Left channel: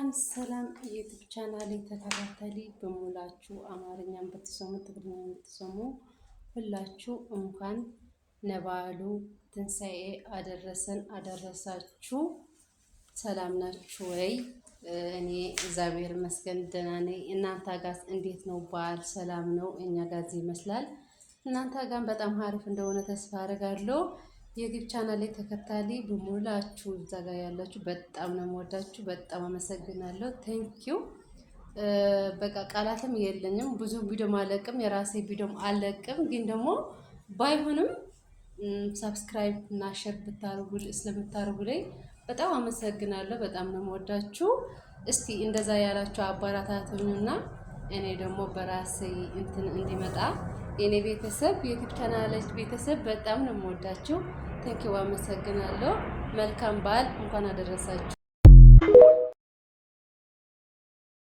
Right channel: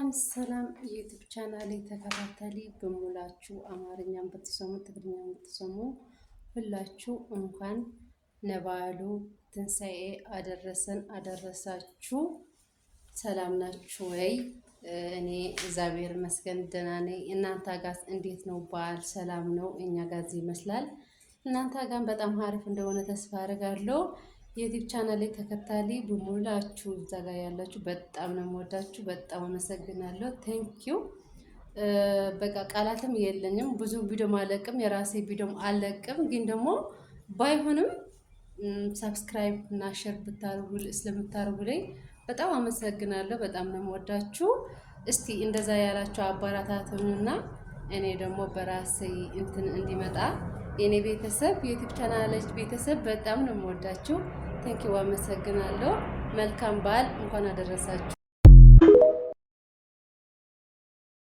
ሰላም የዩቲዩብ ቻናል ተከታታሊ በሙላችሁ አማርኛም ብትሰሙ ትግርኛም ብትሰሙ ሁላችሁ እንኳን ለበዓሉ ትንሣኤ አደረሰን አደረሳችሁ። ሰላም ናችሁ ወይ? እኔ እግዚአብሔር ይመስገን ደህና ነኝ። እናንተ ጋር እንዴት ነው? በዓል ሰላም ነው? እኛ ጋር ይመስላል። እናንተ ጋር በጣም አሪፍ እንደሆነ ተስፋ አደርጋለሁ። የዩቲዩብ ቻናል ተከታታይ በሙላችሁ እዛ ጋር ያላችሁ በጣም ነው የምወዳችሁ። በጣም አመሰግናለሁ። ቴንኪዩ። በቃ ቃላትም የለኝም። ብዙ ቪዲዮ አለቅም፣ የራሴ ቪዲዮ አለቅም። ግን ደግሞ ባይሆንም ሰብስክራይብ እና ሼር ስለምታደርጉልኝ በጣም አመሰግናለሁ። በጣም ነው የምወዳችሁ። እስቲ እንደዛ ያላችሁ አባራታቱንና እኔ ደግሞ በራሴ እንዲመጣ የኔ ቤተሰብ ዩቲዩብ ቻናል ቤተሰብ በጣም ነው የምወዳችሁ። ቴንኪው አመሰግናለሁ። መልካም በዓል እንኳን አደረሳችሁ።